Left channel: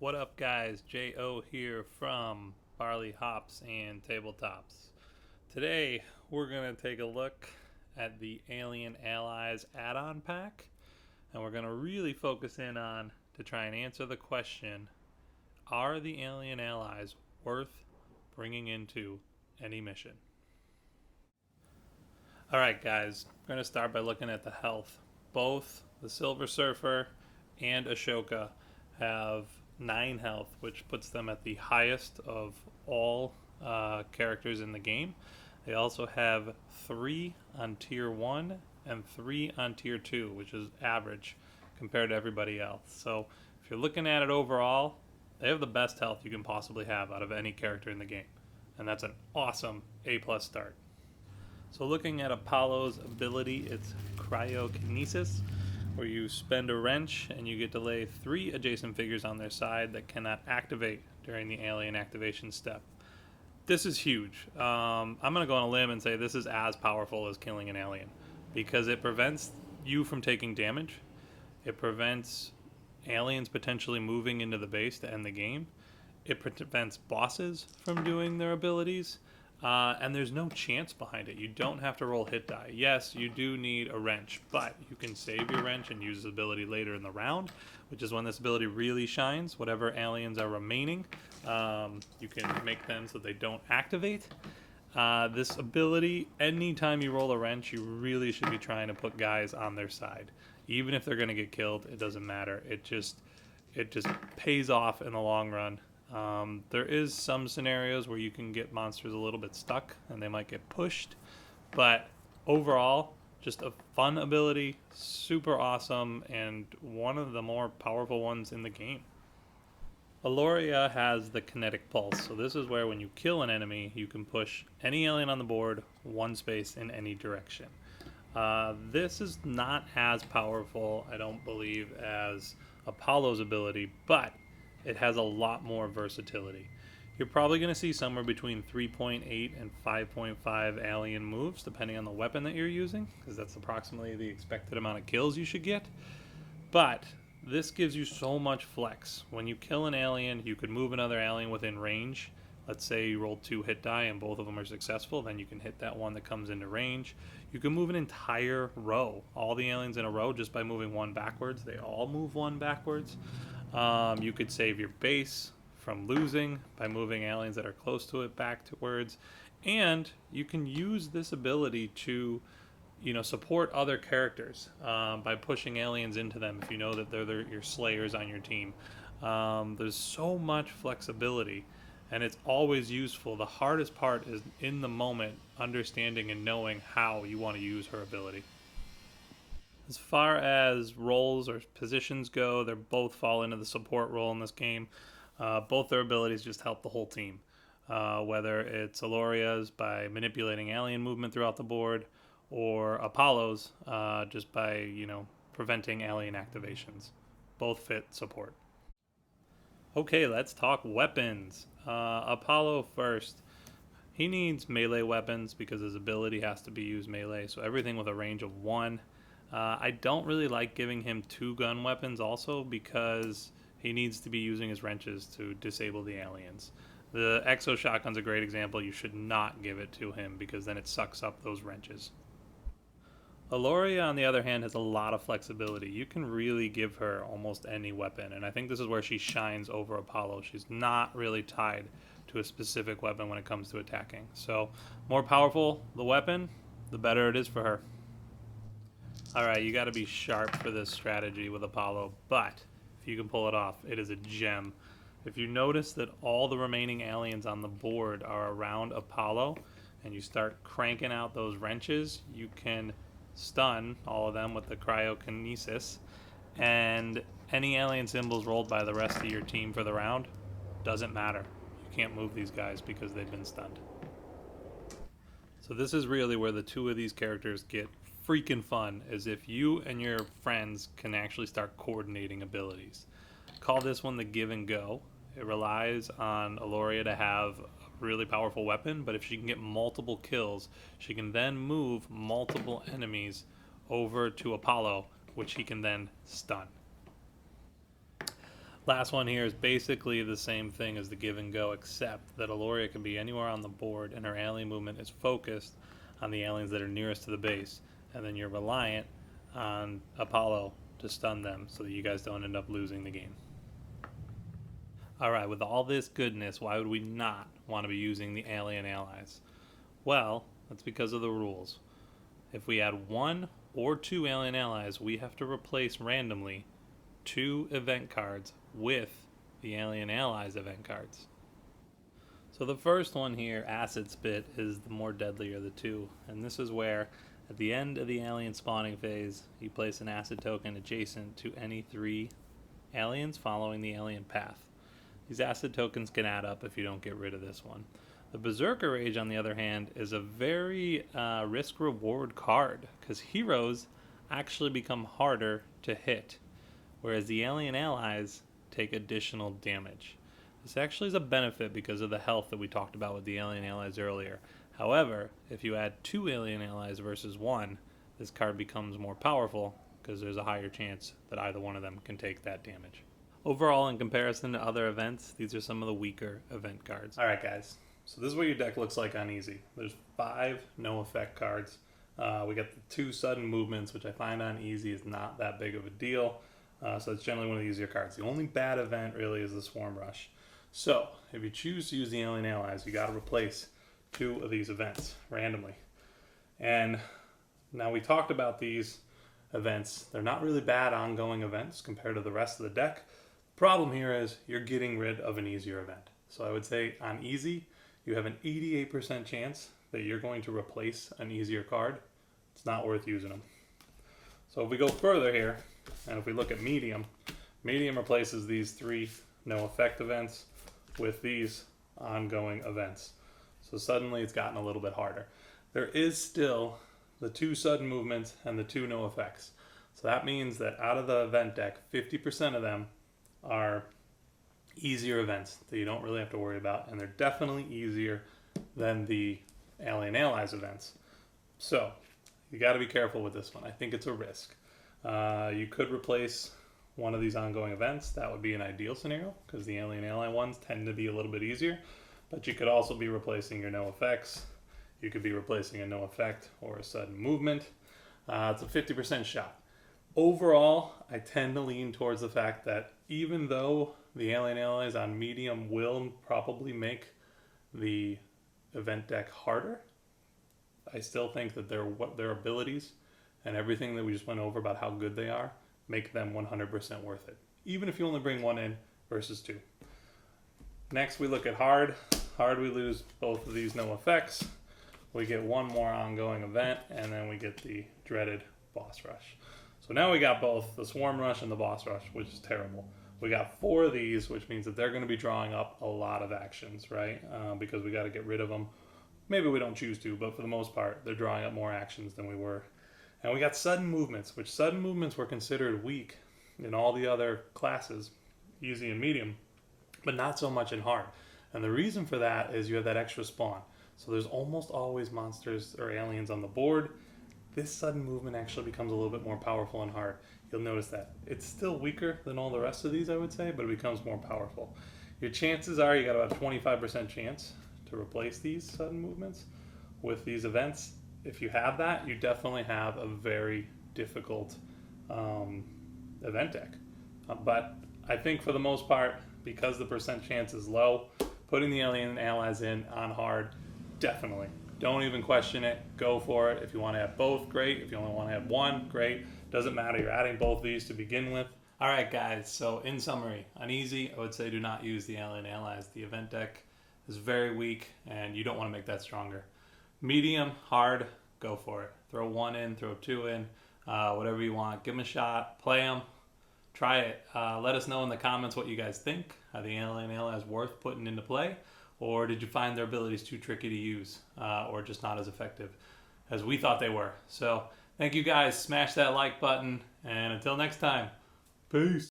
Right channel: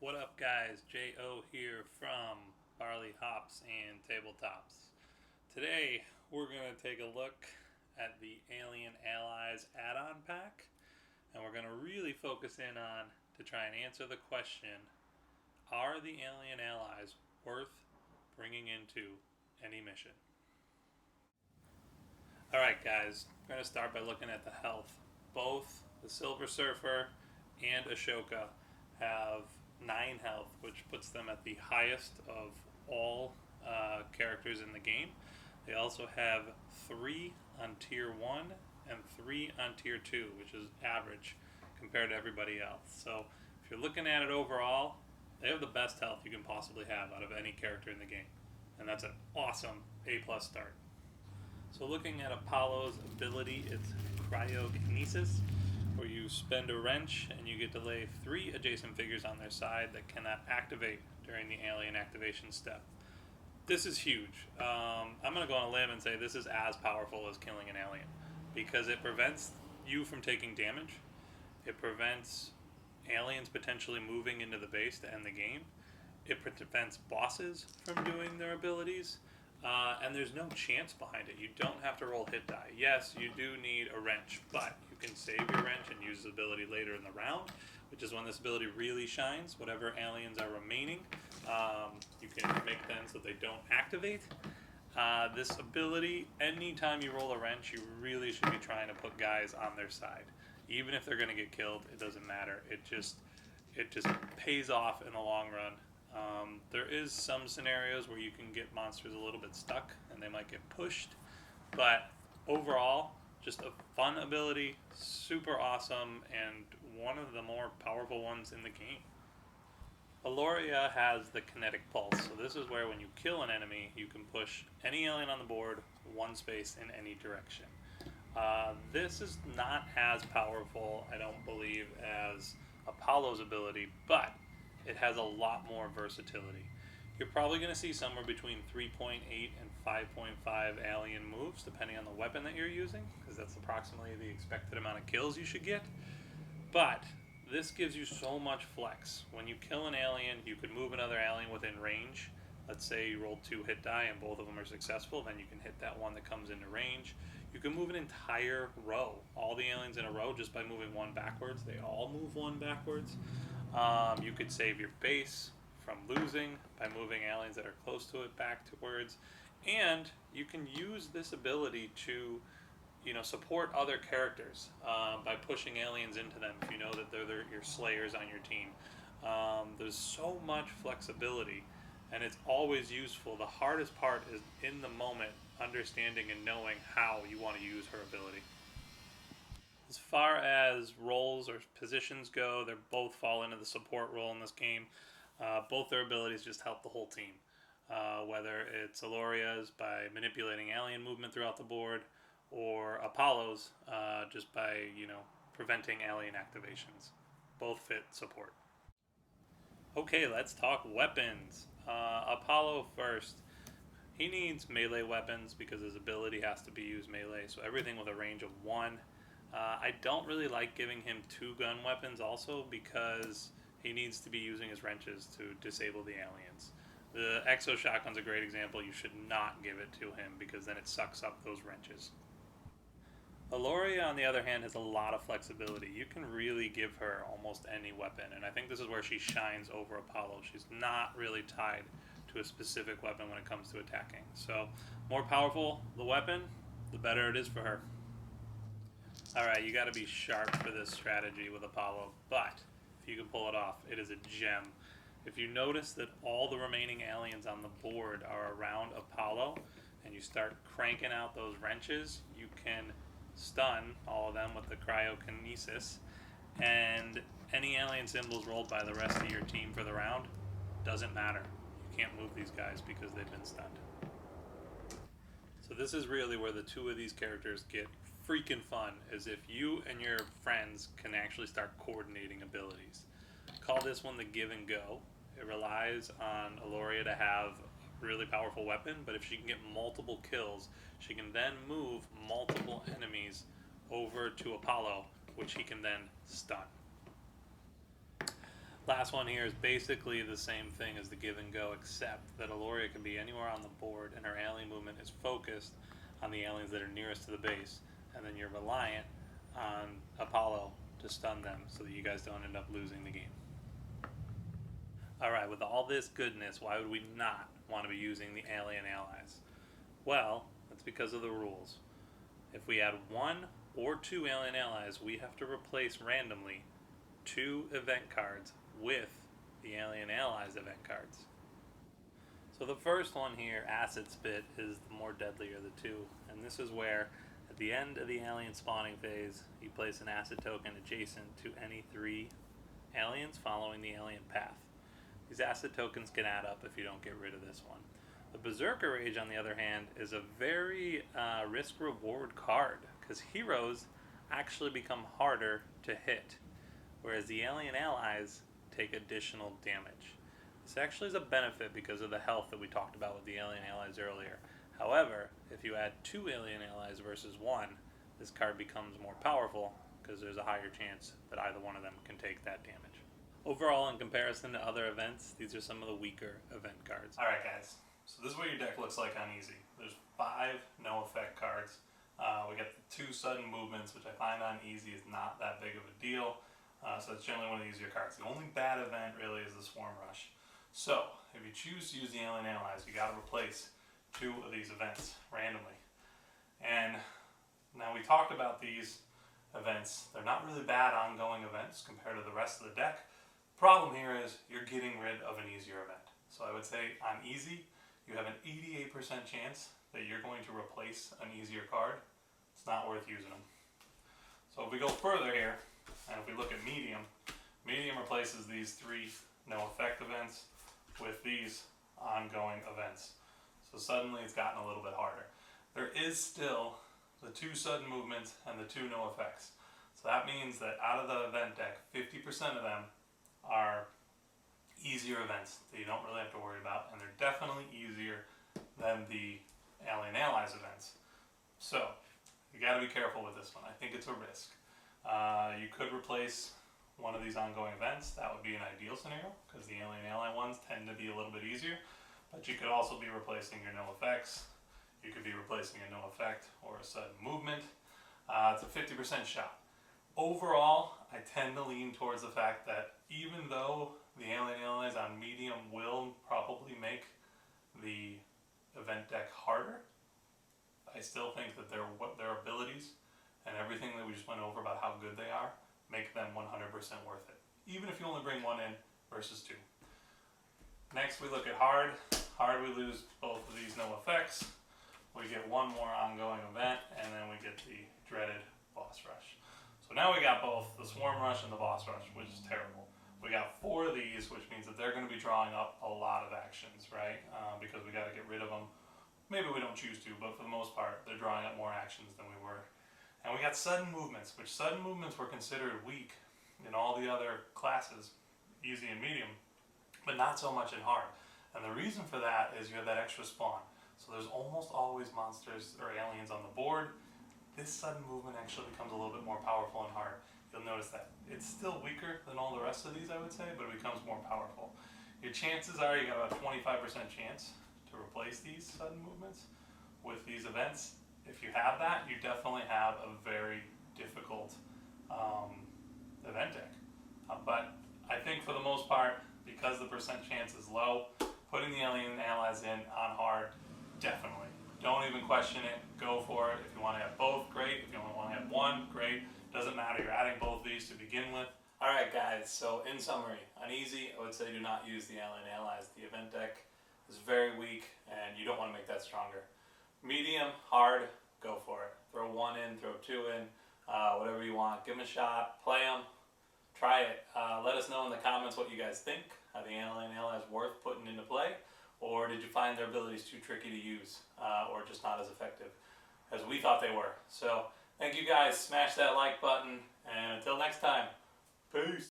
What up, guys? J.O. here from Barley Hops and Tabletops. Today, we're going to take a look at the Alien Allies add-on pack, and we're going to really focus in on to try and answer the question, are the Alien Allies worth bringing into any mission? Alright, guys, we're going to start by looking at the health. Both the Silver Surfer and Ashoka have 9 health, which puts them at the highest of all characters in the game. They also have 3 on tier 1 and 3 on tier 2, which is average compared to everybody else. So if you're looking at it overall, they have the best health you can possibly have out of any character in the game. And that's an awesome A+ start. So looking at Apollo's ability, it's Cryokinesis, where you spend a wrench and you get to lay 3 adjacent figures on their side that cannot activate during the alien activation step. This is huge. I'm going to go on a limb and say this is as powerful as killing an alien, because it prevents you from taking damage. It prevents aliens potentially moving into the base to end the game. It prevents bosses from doing their abilities. And there's no chance behind it. You don't have to roll hit die. Yes, you do need a wrench, but you can save your wrench and use this ability later in the round, which is when this ability really shines. Whatever aliens are remaining, you can make them so they don't activate. This ability, anytime you roll a wrench, you really should be trying to put guys on their side. Even if they're going to get killed, it doesn't matter. It just pays off in the long run. There is some scenarios where you can get monsters a little bit stuck and they might get pushed, but overall, just a fun ability, super awesome, and one of the more powerful ones in the game. Alloria has the Kinetic Pulse, so this is where when you kill an enemy, you can push any alien on the board 1 space in any direction. This is not as powerful, I don't believe, as Apollo's ability, but it has a lot more versatility. You're probably going to see somewhere between 3.8 and 5.5 alien moves, depending on the weapon that you're using, because that's approximately the expected amount of kills you should get. But this gives you so much flex. When you kill an alien, you could move another alien within range. Let's say you roll 2 hit die and both of them are successful, then you can hit that one that comes into range. You can move an entire row, all the aliens in a row, just by moving 1 backwards. They all move 1 backwards. You could save your base from losing by moving aliens that are close to it backwards. And you can use this ability to support other characters by pushing aliens into them if you know that they're your slayers on your team. There's so much flexibility, and it's always useful. The hardest part is in the moment, understanding and knowing how you want to use her ability. As far as roles or positions go, they both fall into the support role in this game. Both their abilities just help the whole team. Whether it's Alloria's by manipulating alien movement throughout the board, or Apollo's just by preventing alien activations. Both fit support. Okay, let's talk weapons. Apollo first. He needs melee weapons because his ability has to be used melee, so everything with a range of 1. I don't really like giving him 2 gun weapons also because he needs to be using his wrenches to disable the aliens. The Exo Shotgun's a great example. You should not give it to him because then it sucks up those wrenches. Alloria, on the other hand, has a lot of flexibility. You can really give her almost any weapon, and I think this is where she shines over Apollo. She's not really tied to a specific weapon when it comes to attacking. So, more powerful the weapon, the better it is for her. Alright, you gotta be sharp for this strategy with Apollo, but if you can pull it off, it is a gem. If you notice that all the remaining aliens on the board are around Apollo, and you start cranking out those wrenches, you can stun all of them with the Cryokinesis, and any alien symbols rolled by the rest of your team for the round doesn't matter. You can't move these guys because they've been stunned. So this is really where the 2 of these characters get freaking fun, is if you and your friends can actually start coordinating abilities. Call this one the give and go. It relies on Alloria to have a really powerful weapon, but if she can get multiple kills, she can then move multiple enemies over to Apollo, which he can then stun. Last one here is basically the same thing as the give and go, except that Alloria can be anywhere on the board and her alien movement is focused on the aliens that are nearest to the base, and then you're reliant on Apollo to stun them so that you guys don't end up losing the game. Alright, with all this goodness, why would we not want to be using the alien allies? Well, that's because of the rules. If we add 1 or 2 alien allies, we have to replace randomly 2 event cards with the alien allies event cards. So the first one here, Acid Spit, is the more deadly of the two, and this is where at the end of the alien spawning phase you place an acid token adjacent to any 3 aliens following the alien path. These acid tokens can add up if you don't get rid of this one. The Berserker Rage, on the other hand, is a very risk-reward card, because heroes actually become harder to hit, whereas the alien allies take additional damage. This actually is a benefit because of the health that we talked about with the alien allies earlier. However, if you add 2 alien allies versus 1, this card becomes more powerful because there's a higher chance that either one of them can take that damage. Overall, in comparison to other events, these are some of the weaker event cards. Alright guys, so this is what your deck looks like on easy. There's 5 no effect cards. We got the 2 sudden movements, which I find on easy is not that big of a deal. So it's generally one of the easier cards. The only bad event really is the Swarm Rush. So if you choose to use the alien allies, you got to replace 2 of these events randomly. And now we talked about these events. They're not really bad ongoing events compared to the rest of the deck. Problem here is you're getting rid of an easier event. So I would say on easy, you have an 88% chance that you're going to replace an easier card. It's not worth using them. So if we go further here, and if we look at medium, medium replaces these 3 no effect events with these ongoing events. So suddenly it's gotten a little bit harder. There is still the 2 sudden movements and the 2 no effects. So that means that out of the event deck, 50% of them are easier events that you don't really have to worry about, and they're definitely easier than the alien allies events. So you got to be careful with this one. I think it's a risk. You could replace one of these ongoing events. That would be an ideal scenario because the alien ally ones tend to be a little bit easier, but you could also be replacing your no effects. You could be replacing a no effect or a sudden movement. It's a 50% shot. Overall, I tend to lean towards the fact that even though the alien allies on medium will probably make the event deck harder, I still think that their abilities and everything that we just went over about how good they are make them 100% worth it, even if you only bring 1 in versus 2. Next we look at hard. Hard, we lose both of these no effects. We get 1 more ongoing event, and then we get the dreaded boss rush. So now we got both the Swarm Rush and the boss rush, which is terrible. We got 4 of these, which means that they're going to be drawing up a lot of actions, right? Because we got to get rid of them. Maybe we don't choose to, but for the most part, they're drawing up more actions than we were. And we got sudden movements, which sudden movements were considered weak in all the other classes, easy and medium, but not so much in hard. And the reason for that is you have that extra spawn. So there's almost always monsters or aliens on the board. This sudden movement actually becomes a little bit more powerful in hard. You'll notice that it's still weaker than all the rest of these, I would say, but it becomes more powerful. Your chances are you got about a 25% chance to replace these sudden movements with these events. If you have that, you definitely have a very difficult event deck. But I think for the most part, because the percent chance is low, putting the alien allies in on hard, definitely. Don't even question it. Go for it. If you want to have both, great. If you only want to have 1, great. Doesn't matter. You're adding both of these to begin with. All right, guys. So in summary, on easy, I would say do not use the alien allies. The event deck is very weak, and you don't want to make that stronger. Medium, hard, go for it. Throw 1 in, throw 2 in, whatever you want. Give them a shot. Play them. Try it. Let us know in the comments what you guys think. Are the alien allies worth putting into play? Or did you find their abilities too tricky to use or just not as effective as we thought they were? So thank you guys. Smash that like button. And until next time, peace.